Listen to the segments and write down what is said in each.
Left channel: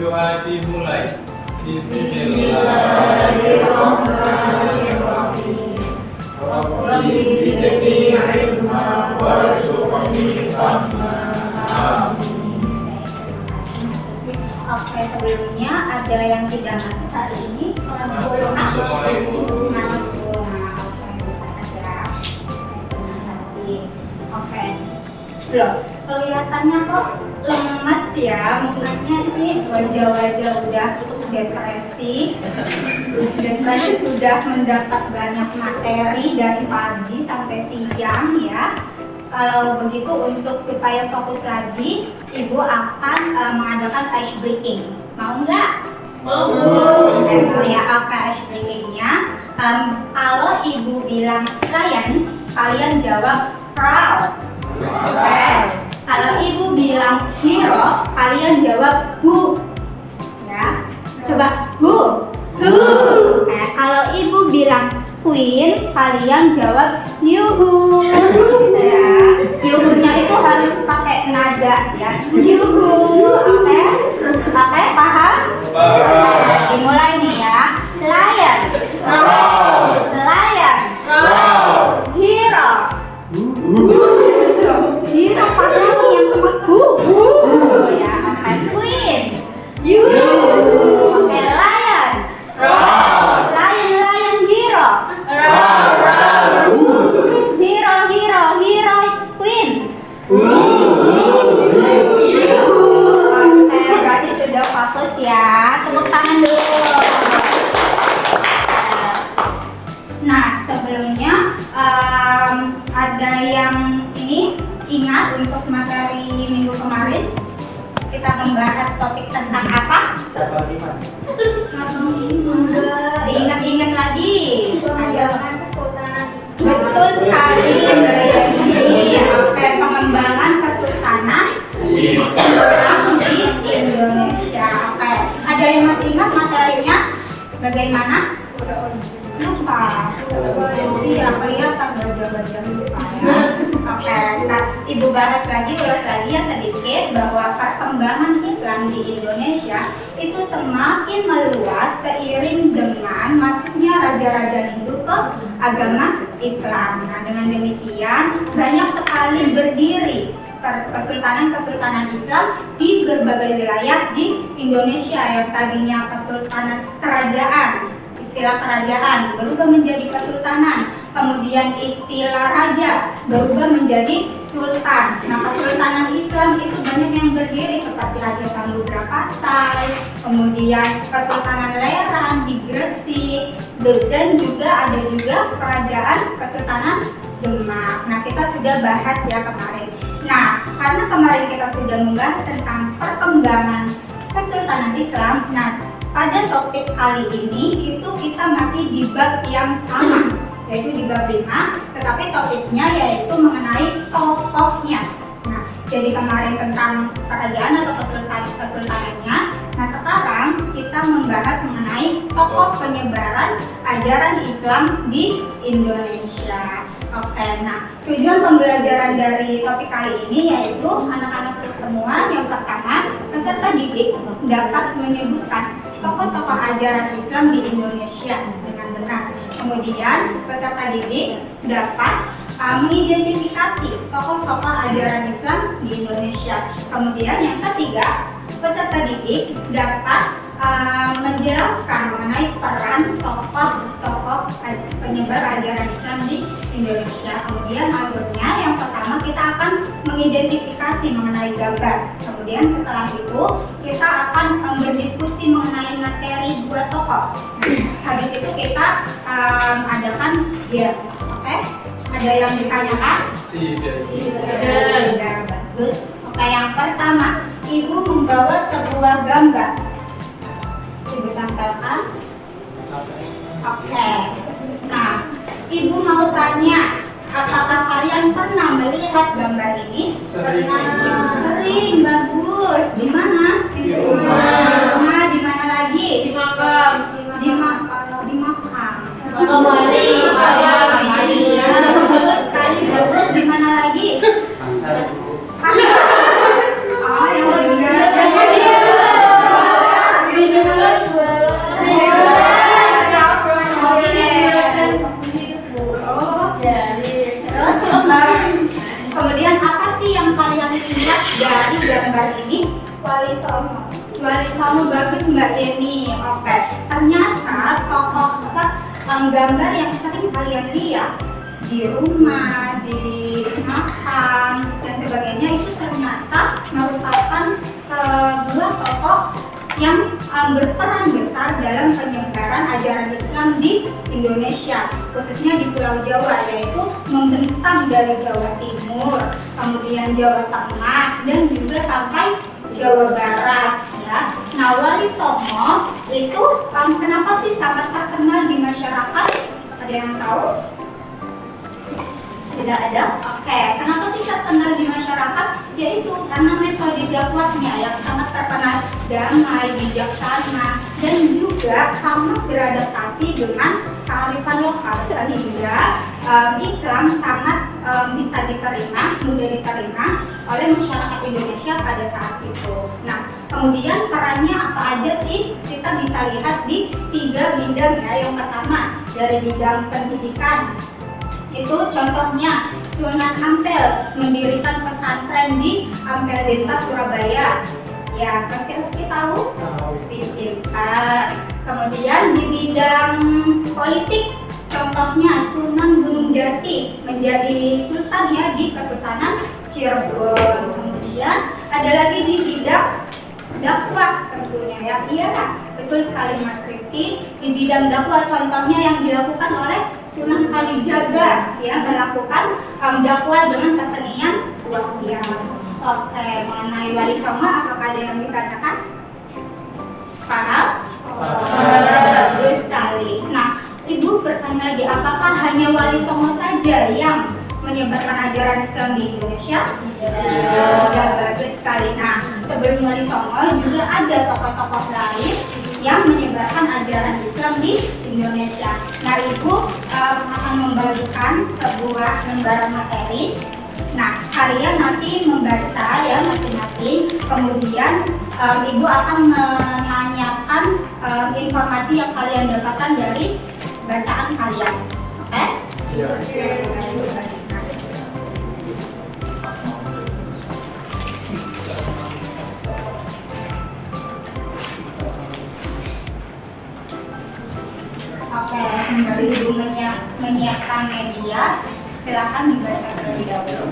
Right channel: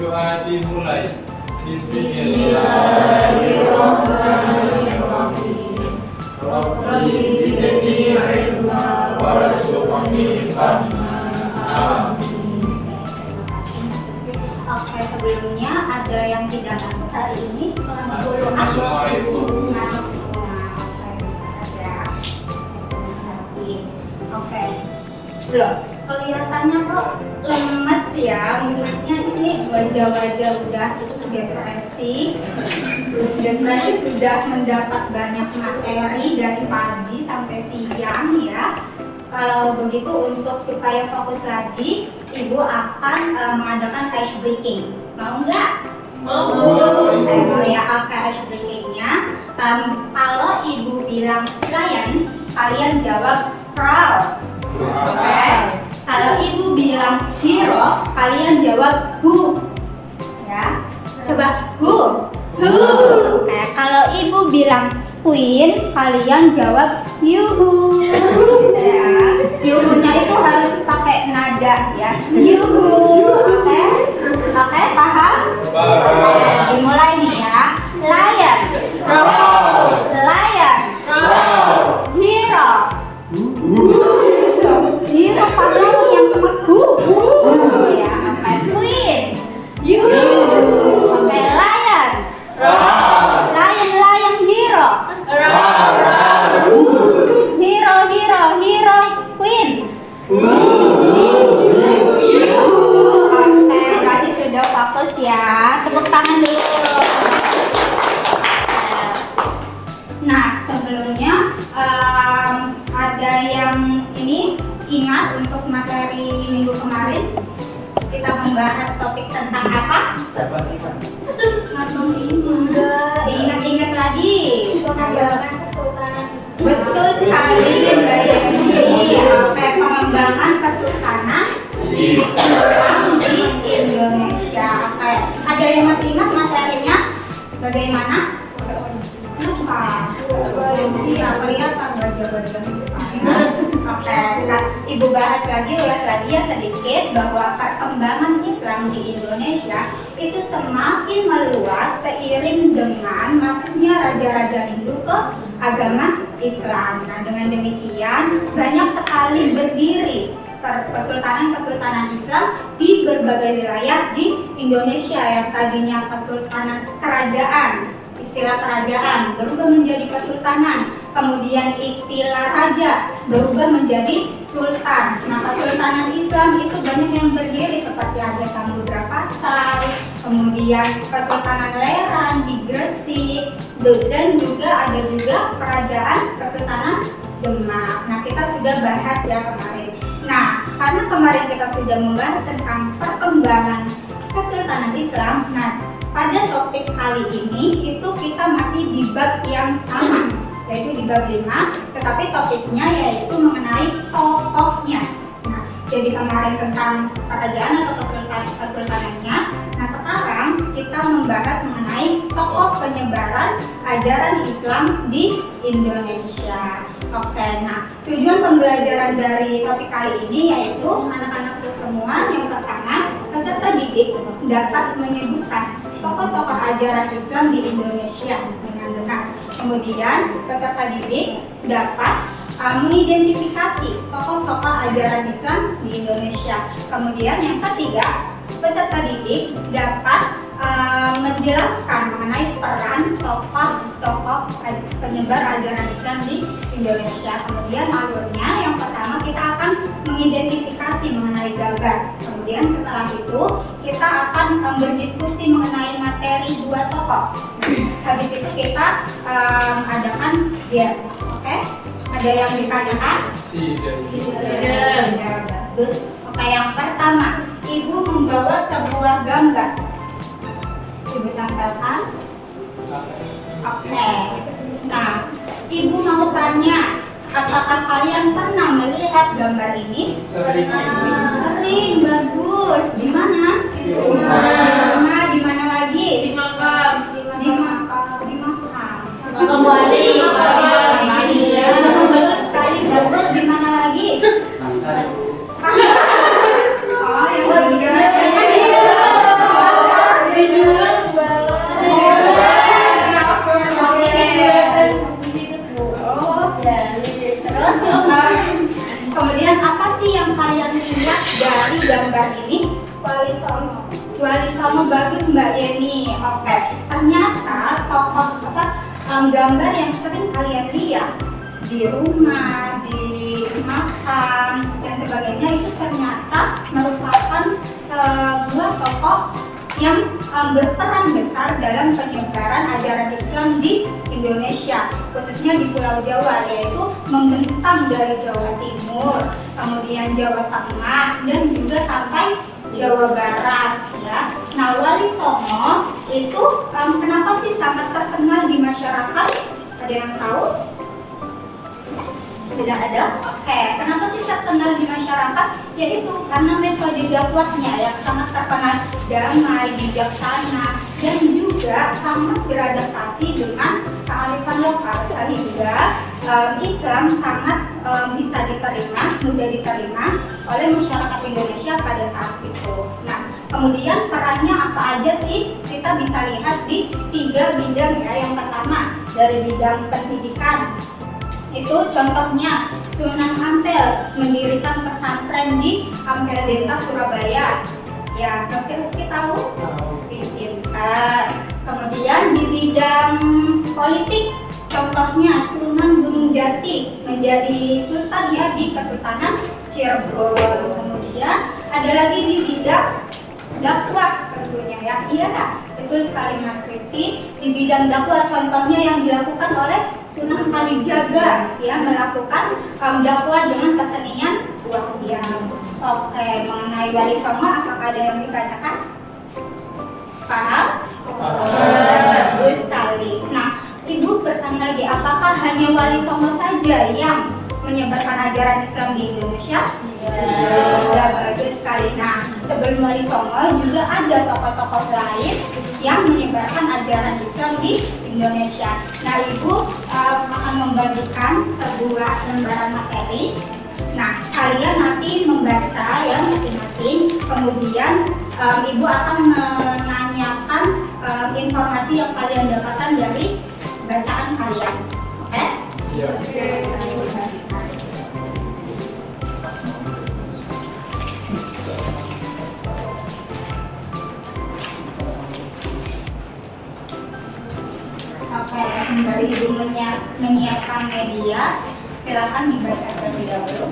Doa dimulai. Bismillahirrahmanirrahim. Rabbi zidni ilma warzuqni fahma. Amin. Oke, sebelumnya ada yang tidak masuk hari ini? Masuk. Masuk. Oke. Loh, kelihatannya kok lemes ya, mukanya ini wajah-wajah udah depresi sudah mendapat banyak materi dari pagi sampai siang ya. Kalau begitu untuk supaya fokus lagi, Ibu akan mengadakan ice breaking. Mau nggak? Mau. Ya, oke, ice breakingnya. Kalau Ibu bilang lion, kalian jawab proud. Oke. Kalau Ibu bilang hero, kalian jawab who. Ya, coba who. Nah, kalau Ibu bilang queen, kalian jawab yuhu. Ya, yuhunya itu harus pakai nada ya. Yuhu, oke? Oke, paham? Oke, dimulai nih ya. Lion, lion, hero. Hero kamu yang sama ya, oke. Queen, yuhu. Oke, lion, lion, hero. Hero, queen. Oke, berarti sudah fokus ya. Tepuk tangan dulu. Nah, sebelumnya ada yang ini ingat untuk materi minggu kemarin kita membahas topik tentang apa? Ingat-ingat lagi. Pengembangan Kesultanan Islam. Betul sekali, Mbak Yeni. Oke, pengembangan Kesultanan Islam di Indonesia. Oke, ada yang masih ingat materinya? Bagaimana? Lupa. Iya, kelihatan wajah-wajah lupa ya. Oke, kita Ibu bahas lagi, ulas lagi ya sedikit bahwa perkembangan Islam di Indonesia itu semakin meluas seiring dengan masuknya raja-raja Hindu ke agama Islam. Nah, dengan demikian banyak sekali berdiri kesultanan-kesultanan Islam di berbagai wilayah di Indonesia yang tadinya kesultanan kerajaan. Istilah kerajaan berubah menjadi kesultanan, kemudian istilah raja berubah menjadi sultan. Nah, kesultanan Islam itu banyak yang berdiri seperti ada Samudra Pasai, kemudian Kesultanan Leran di Gresik, dan juga ada kerajaan Kesultanan Demak. Nah, kita sudah bahas ya kemarin. Nah, karena kemarin kita sudah membahas tentang perkembangan Kesultanan Islam, nah pada topik kali ini itu kita masih di bab yang sama, yaitu di bab 5, tetapi topiknya yaitu mengenai tokohnya. Nah, jadi kemarin tentang kerajaan atau kesultanannya. Nah, sekarang kita membahas mengenai tokoh penyebaran ajaran Islam di Indonesia. Oke, nah tujuan pembelajaran dari topik kali ini yaitu anak-anakku semua yang pertama, peserta didik dapat menyebutkan tokoh-tokoh ajaran Islam di Indonesia dengan benar. Kemudian peserta didik dapat mengidentifikasi tokoh-tokoh ajaran Islam di Indonesia. Kemudian yang ketiga, peserta didik dapat menjelaskan mengenai peran tokoh-tokoh penyebar ajaran Islam di Indonesia. Kemudian alurnya yang pertama kita akan mengidentifikasi mengenai gambar. Kemudian setelah itu kita akan berdiskusi mengenai materi dua tokoh. Habis itu kita adakan games. Oke? Ada yang ditanyakan? Tidak. Bagus. Oke, yang pertama, Ibu membawa sebuah gambar. Ibu tampilkan. Oke. Nah, Ibu mau tanya, apakah kalian pernah melihat gambar ini? Sering, bagus. Di mana? Di rumah. Di mana lagi? Di makam. Di makam. Makam wali. Bagus sekali, bagus. Di mana lagi? Oh, yang benar. Wali Songo, bagus Mbak Yeni. Oke, ternyata tokoh gambar yang sering kalian lihat di rumah, di makam dan sebagainya itu ternyata merupakan sebuah tokoh yang berperan besar dalam penyebaran ajaran Islam di Indonesia, khususnya di Pulau Jawa, yaitu membentang dari Jawa Timur, kemudian Jawa Tengah, dan juga sampai Jawa Barat. Ya. Nah, Wali Songo itu kenapa sih sangat terkenal di masyarakat? Ada yang tahu? Tidak ada? Oke, kenapa sih terkenal di masyarakat? Yaitu karena metode dakwahnya yang sangat terkenal, damai, bijaksana, dan juga sangat beradaptasi dengan kearifan lokal, sehingga Islam sangat bisa diterima, mudah diterima oleh masyarakat Indonesia pada saat itu. Nah, kemudian perannya apa aja sih? Kita bisa lihat di 3 bidang ya. Yang pertama dari bidang pendidikan. Itu contohnya Sunan Ampel mendirikan pesantren di Ampel Denta, Surabaya. Ya, pasti tahu? Pintar. Kemudian di bidang politik, contohnya Sunan Gunung Jati menjadi sultan ya di Kesultanan Cirebon. Kemudian ada lagi di bidang dakwah tentunya ya. Iya, betul sekali Mas Rifki. Di bidang dakwah contohnya yang dilakukan oleh Sunan Kalijaga ya, melakukan dakwah dengan kesenian wayang. Oke, mengenai Wali Songo apakah ada yang ditanyakan? Paham? Bagus sekali. Nah, Ibu bertanya lagi, apakah hanya Wali Songo saja yang menyebarkan ajaran Islam di Indonesia? Iya. Bagus sekali. Nah, sebelum Wali Songo juga ada tokoh-tokoh lain yang menyebarkan ajaran Islam di Indonesia. Nah, Ibu akan membagikan sebuah lembaran materi. Nah, kalian nanti membaca ya masing-masing. Kemudian Ibu akan menanyakan informasi yang kalian dapatkan dari bacaan kalian. Oke? Iya. Oke, sembari Ibu menyiapkan media, silakan dibaca terlebih dahulu.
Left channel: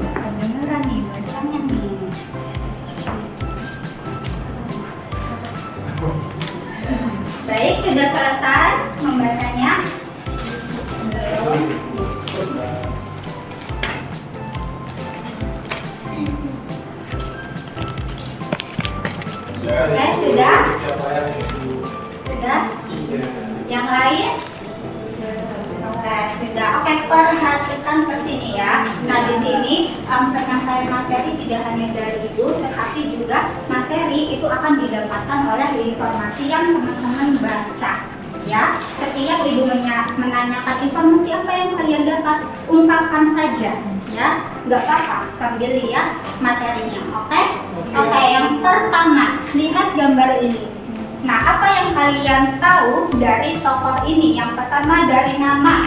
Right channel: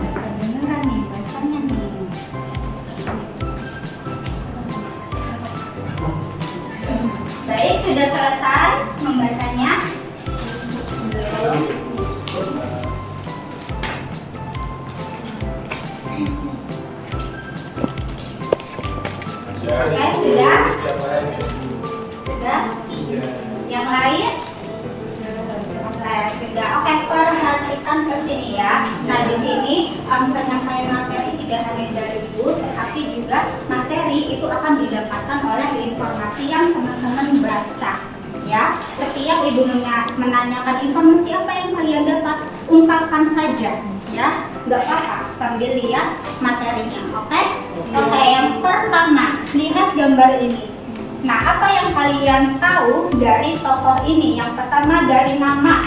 Kedengeran nih bacanya nih. Baik, sudah selesai membacanya? Belum. Oke, sudah? Sudah? Yang lain? Oke, sudah. Oke, perhatikan ke sini ya. Nah, di sini penyampaian materi tidak hanya dari Ibu, tetapi juga materi itu akan didapatkan oleh informasi yang teman-teman baca. Ya, setiap Ibu menanyakan informasi apa yang kalian dapat, ungkapkan saja. Ya, nggak apa-apa sambil lihat materinya. Oke? Oke, yang pertama, lihat gambar ini. Nah, apa yang kalian tahu dari tokoh ini? Yang pertama dari nama.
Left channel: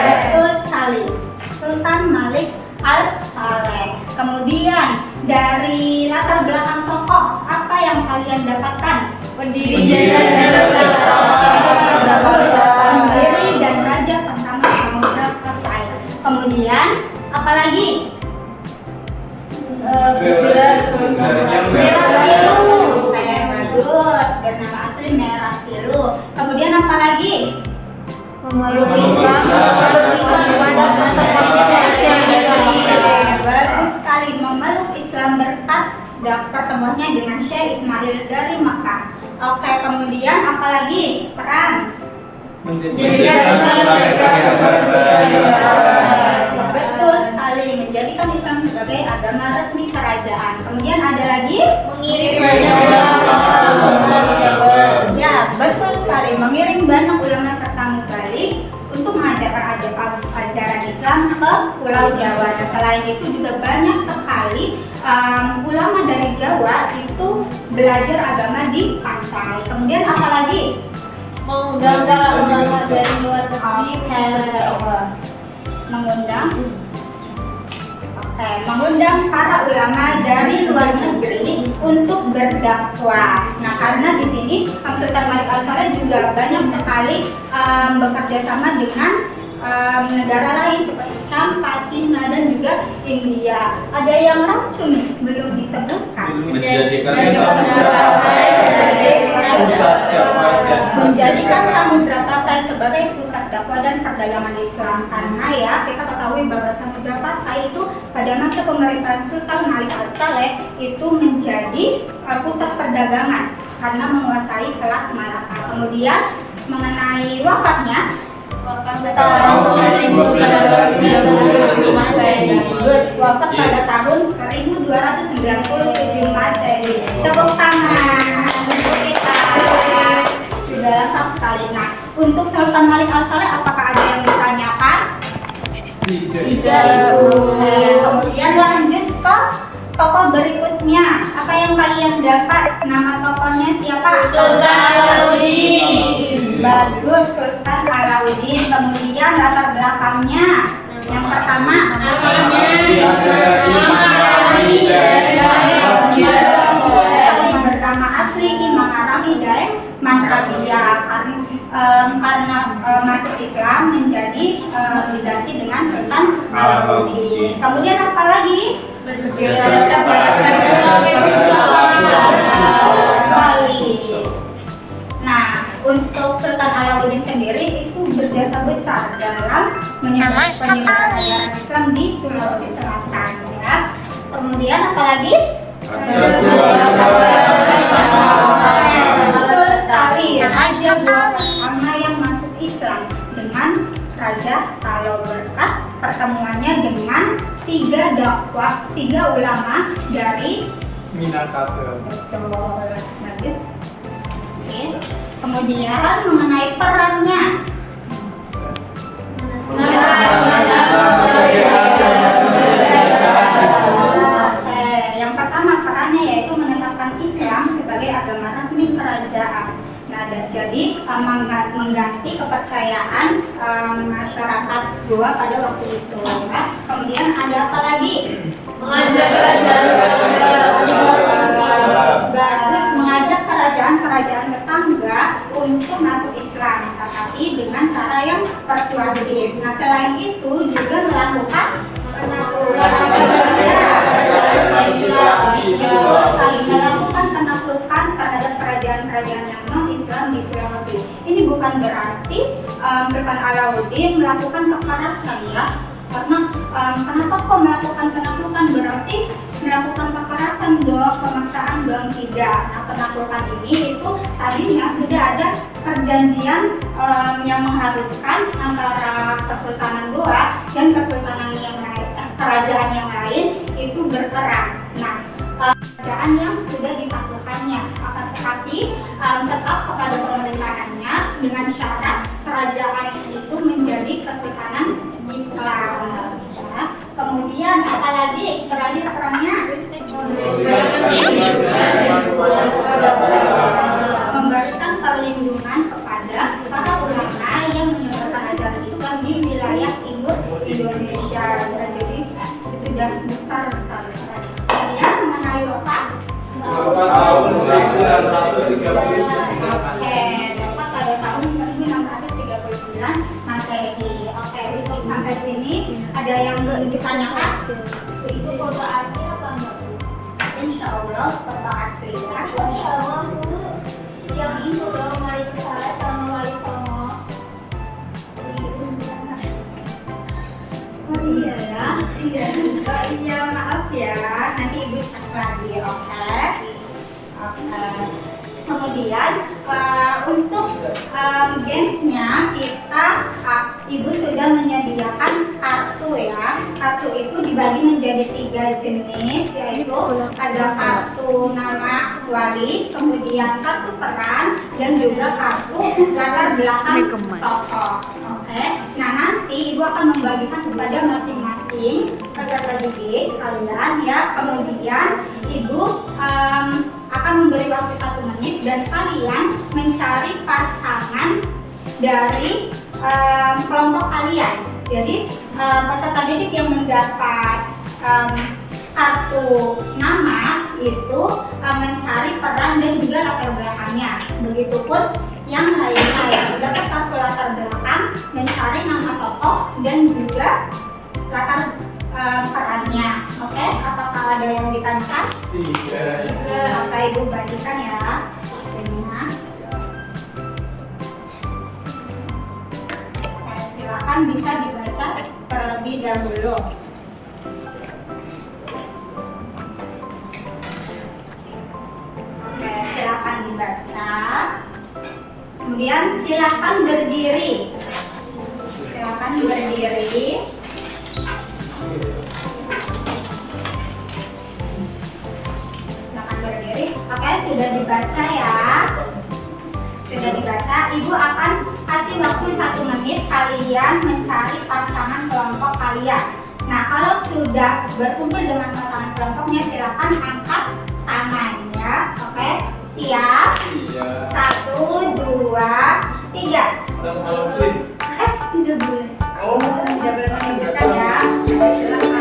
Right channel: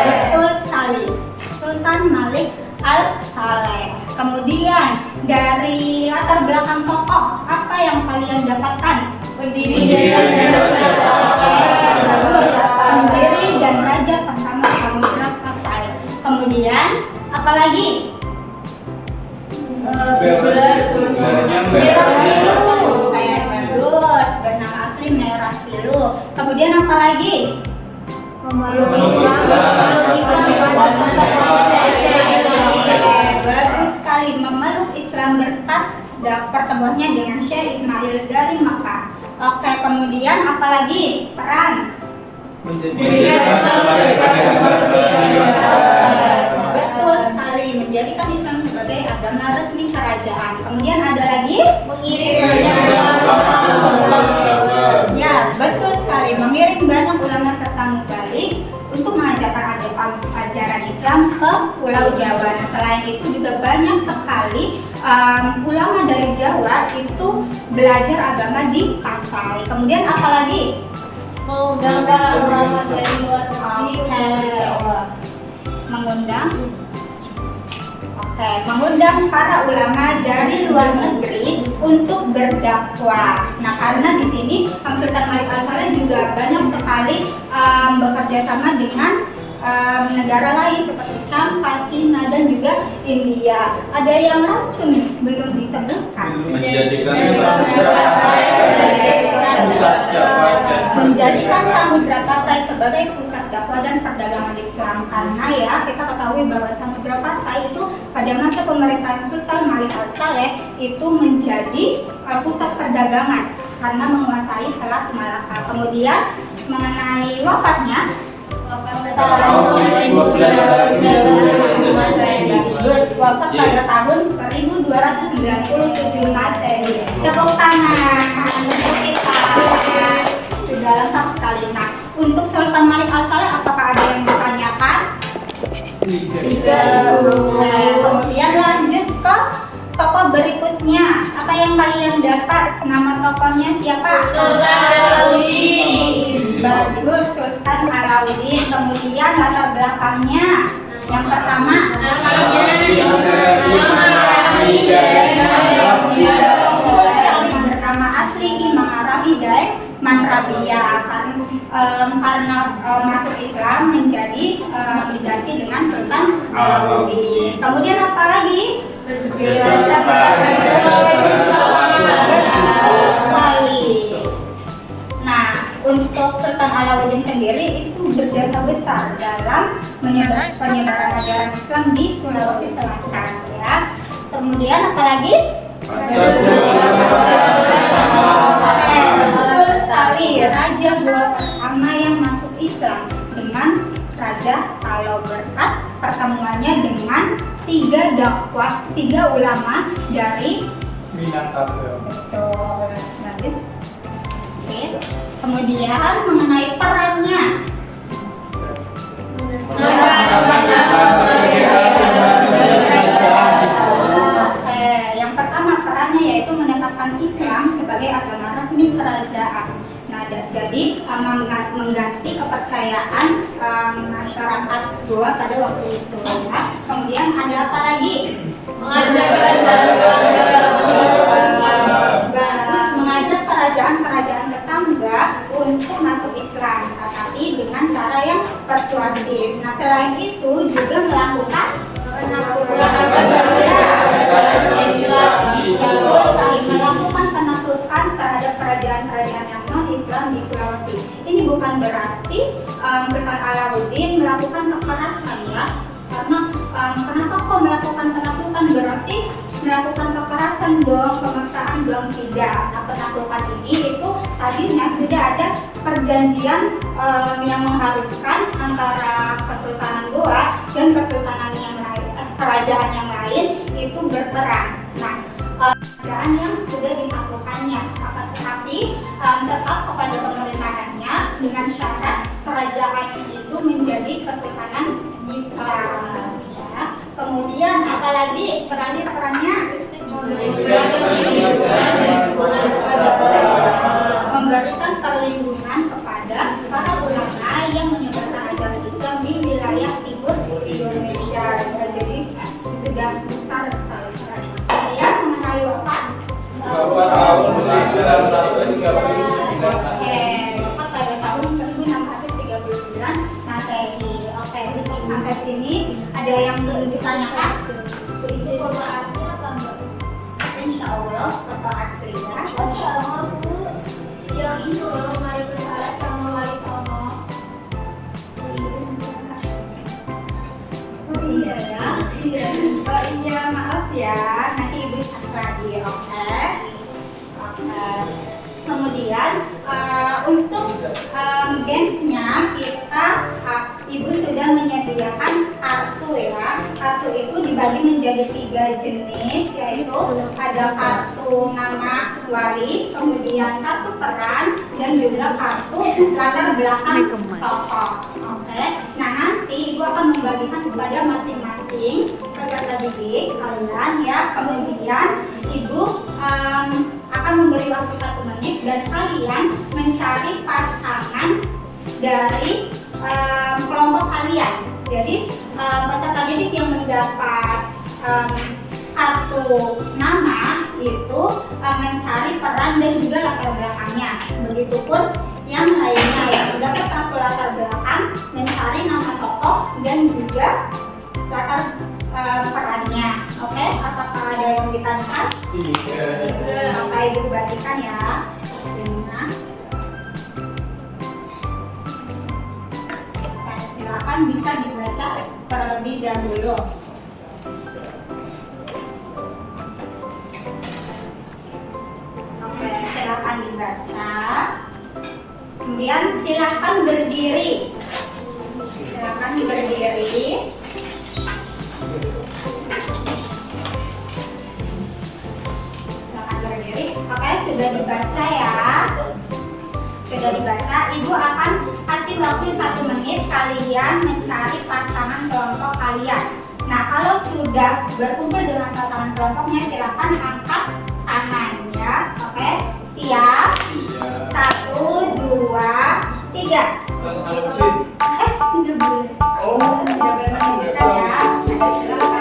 Betul sekali, Sultan Malik Al-Saleh. Kemudian dari latar belakang tokoh, apa yang kalian dapatkan? Pendiri dan raja pertama Samudra Pasai. Kemudian apa lagi? Merasilu. Bagus, bernama asli Merasilu. Kemudian apa lagi? Bagus sekali, memeluk Islam berkat pertemuannya dengan Syekh Ismail dari Makkah. Oke, kemudian apa lagi? Peran. Betul sekali, menjadikan Islam sebagai agama resmi kerajaan. Kemudian ada lagi? Mengirim banyak ulama. Ya, betul sekali, mengirim banyak ulama balik untuk mengajarkan ajaran Islam ke Pulau Jawa. Nah, selain itu juga banyak sekali ulama dari Jawa itu belajar agama di Pasai. Kemudian apalagi? Mengundang para ulama dari luar negeri. Mengundang para ulama dari luar negeri untuk berdakwah. Nah, karena di sini Sultan Malik Al-Saleh juga banyak sekali bekerja sama dengan negara lain seperti Campa, Cina, dan juga India. Ada yang racun belum disebutkan. Menjadikan Samudra Pasai sebagai pusat dakwah dan perdagangan Islam. Karena ya kita ketahui bahwa Samudra Pasai itu pada masa pemerintahan Sultan Malik Al-Saleh itu menjadi pusat perdagangan karena menguasai Selat Malaka. Kemudian mengenai wafatnya, wafat pada tahun 1297 Masehi. Tepuk tangan untuk kita. Sudah lengkap sekali. Nah, untuk Sultan Malik Al-Saleh apakah ada yang ditanyakan? Tidak. Kemudian lanjut ke tokoh berikutnya. Apa yang kalian dapat? Nama tokohnya siapa? Sultan Alauddin. Bagus, Sultan Alauddin. Kemudian latar belakangnya. Yang pertama, bernama asli Imam Arabi Daeng Manrabia. Karena masuk Islam menjadi diganti dengan Sultan Alauddin. Kemudian apa lagi? Nah, untuk Sultan Alauddin sendiri itu berjasa besar dalam penyebaran ajaran Islam di Sulawesi Selatan. Ya. Kemudian apalagi? Betul sekali. Raja pertama yang masuk Islam dengan Raja Kalo berkat pertemuannya dengan tiga ulama dari Minangkabau. Betul, bagus. Oke. Kemudian mengenai perannya. Oke, yang pertama perannya yaitu menetapkan Islam sebagai agama resmi kerajaan. Nah, jadi mengganti kepercayaan masyarakat Goa pada waktu itu. Nah, kemudian ada apa lagi? Bagus, mengajak kerajaan-kerajaan tetangga untuk masuk Islam, tetapi dengan cara yang persuasif. Nah, selain itu juga melakukan penaklukan terhadap kerajaan-kerajaan yang non-Islam di Sulawesi. Ini bukan berarti Sultan Alauddin melakukan kekerasan ya, karena kenapa kok melakukan penaklukan, berarti melakukan kekerasan dong, pemaksaan dong, tidak. Nah, penaklukan ini itu tadinya sudah ada perjanjian yang mengharuskan antara Kesultanan Goa dan kesultanan yang lain, kerajaan yang lain itu berperang. Nah, kerajaan yang sudah ditaklukkannya akan tetapi tetap kepada pemerintahannya dengan syarat kerajaan itu menjadi kesultanan Islam. Ya. Kemudian apalagi perannya? Memberikan perlindungan kepada para ulama yang menyebarkan ajaran Islam di wilayah timur Indonesia. Jadi sudah besar sekali. Kemudian mengenai wafat. Tahun 1939. Wafat pada tahun 1639 Masehi. Oke, untuk sampai sini ada yang ditanyakan? Itu foto asli apa enggak? Insya Allah foto asli ya. Insya Allah yang itu loh, Malik Al-Saleh sama Wali Songo. Oh iya ya. Oh iya, maaf ya. Nanti ibu cek lagi, oke? Oke. Kemudian untuk gamesnya kita Ibu sudah menyediakan kartu ya. Kartu itu dibagi menjadi 3 jenis, yaitu ada kartu nama wali, kemudian kartu peran, dan juga kartu latar belakang tokoh. Oke. Nah, nanti Ibu akan membagikan kepada masing-masing peserta didik kalian ya. Kemudian Ibu akan memberi waktu 1 menit dan kalian mencari pasangan dari kelompok kalian. Jadi peserta didik yang mendapat kartu nama itu mencari peran dan juga latar belakangnya. Begitupun yang lainnya ya, mendapat kartu latar belakang, mencari nama tokoh dan juga latar perannya. Oke, apakah ada yang ditanyakan? Iya. Oke, Ibu bagikan ya. Waktunya. Silakan bisa dibaca terlebih dahulu. Oke, silakan dibaca. Kemudian silakan berdiri. Silakan berdiri. Silakan berdiri. Oke, sudah dibaca ya. Sudah dibaca, Ibu akan kasih waktu 1 menit kalian mencari pasangan kelompok kalian. Nah, kalau sudah berkumpul dengan pasangan kelompoknya, silakan angkat tangan ya. Oke, siap? Iya. 1, 2, 3. Pasangan muslim. Tidak boleh. Oh. Tidak boleh menunjukkan ya. Oke, silakan.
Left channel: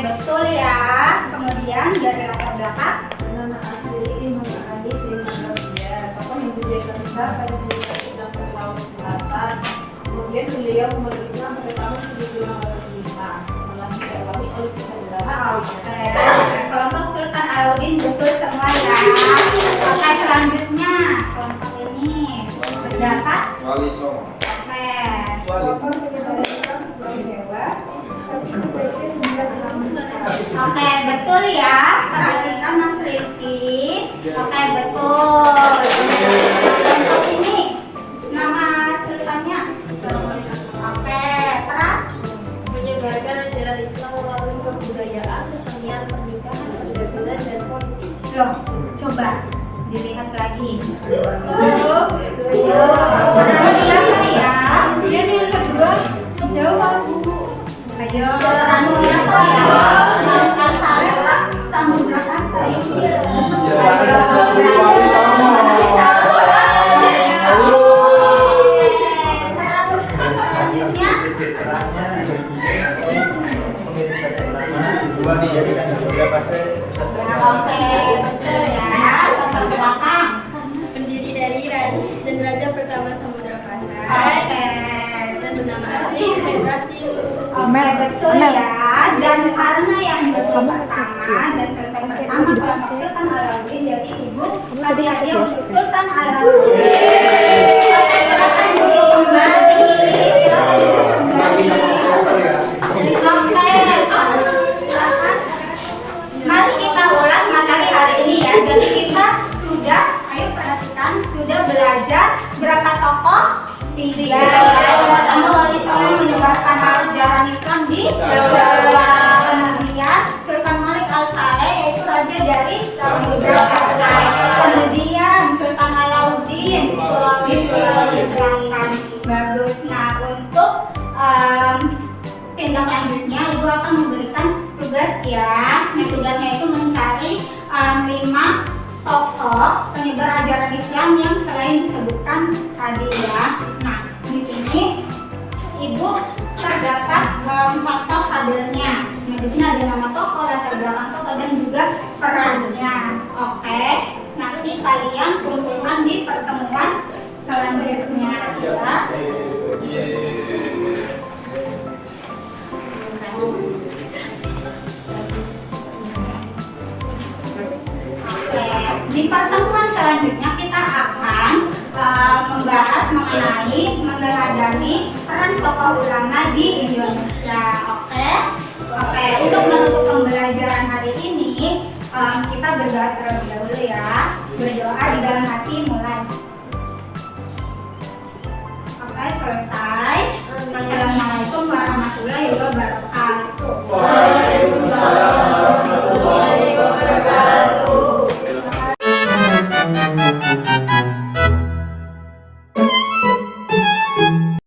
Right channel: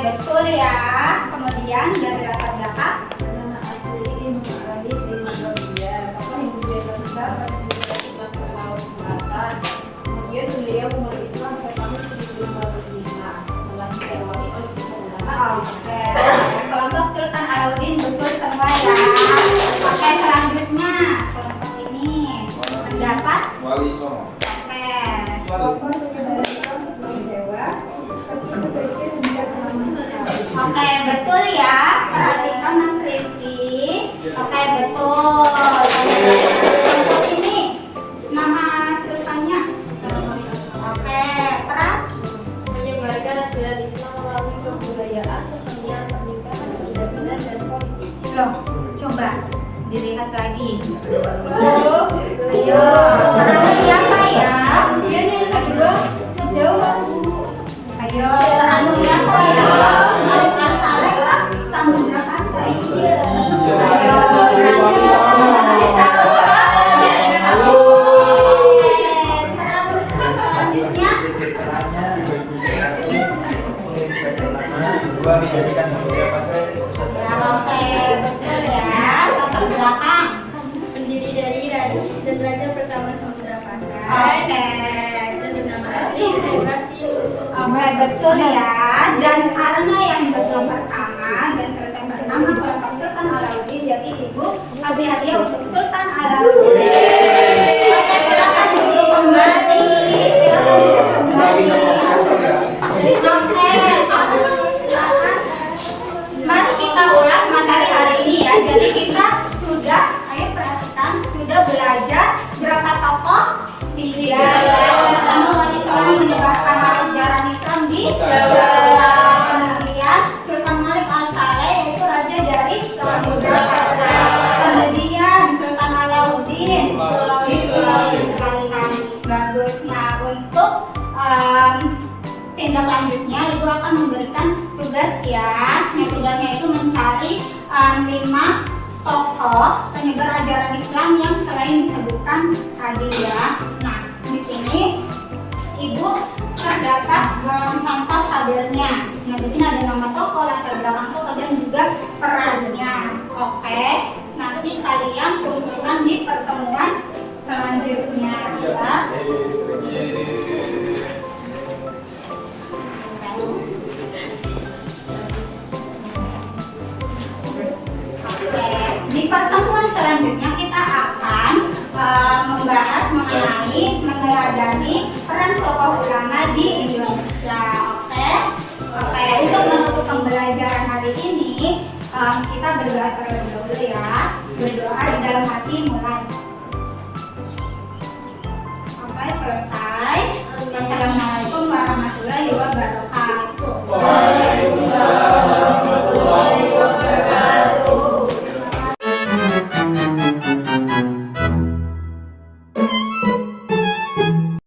Betul ya. Kemudian dari latar belakang. Nama asli Imam Ali Srimandolia, tokoh yang berdiri besar pada Universitas Islam Sulawesi Selatan. Kemudian beliau memeluk Islam pada tahun 1605 setelah diawali oleh para ulama. Oke. Kelompok Sultan Alauddin betul semua ya. Oke, selanjutnya kelompok ini mendapat. Wali Songo. Oke. Wali. Oke, betul ya. Perhatikan Mas Rifki. Oke, betul. Kelompok ini nama sultannya. Oke, peran Menyebarkan ajaran Islam melalui kebudayaan, kesenian, pernikahan, perdagangan, dan politik. loh. Coba dilihat lagi. Oh, Ayo, peran siapa ya? kemudian yang kedua sejauh Bu. Ayo, peran siapa ya? Malaikat Saleh Samudra Kasa. Iya. Ayo, peran Wali Songo. Wali Songo. Peran selanjutnya. Dua dijadikan samudra pasir. Ya, oke, betul ya. Latar belakang. Pendiri dari dan raja pertama Samudra Pasai. Oke. Dan bernama asli Brasil. Oke, betul ya. Dan karena yang betul pertama dan selesai pertama kelompok Sultan Alauddin, jadi Ibu kasih hadiah untuk Sultan Alauddin. Oke, silakan duduk kembali. Silakan duduk kembali. Oke, silakan. Mari kita ulas materi hari ini ya. Jadi kita sudah, ayo perhatikan, sudah belajar berapa tokoh? 3 ya. Yang pertama Wali Songo menyebarkan ajaran Islam di Jawa. Kemudian Sultan Malik Al-Saleh yaitu raja dari Samudra Pasai. Kemudian Sultan Alauddin di Sulawesi Selatan. Bagus. Nah, untuk tindak lanjutnya Ibu akan memberikan tugas ya. Nah, tugasnya itu mencari 5 penyebar ajaran Islam yang selain disebutkan tadi ya. Nah, di sini Ibu terdapat contoh tabelnya. Nah, di sini ada nama tokoh, latar belakang tokoh dan juga perannya. Oke. Nanti kalian kumpulkan di pertemuan selanjutnya ya. Di pertemuan selanjutnya kita akan membahas mengenai meneladani peran tokoh ulama di Indonesia.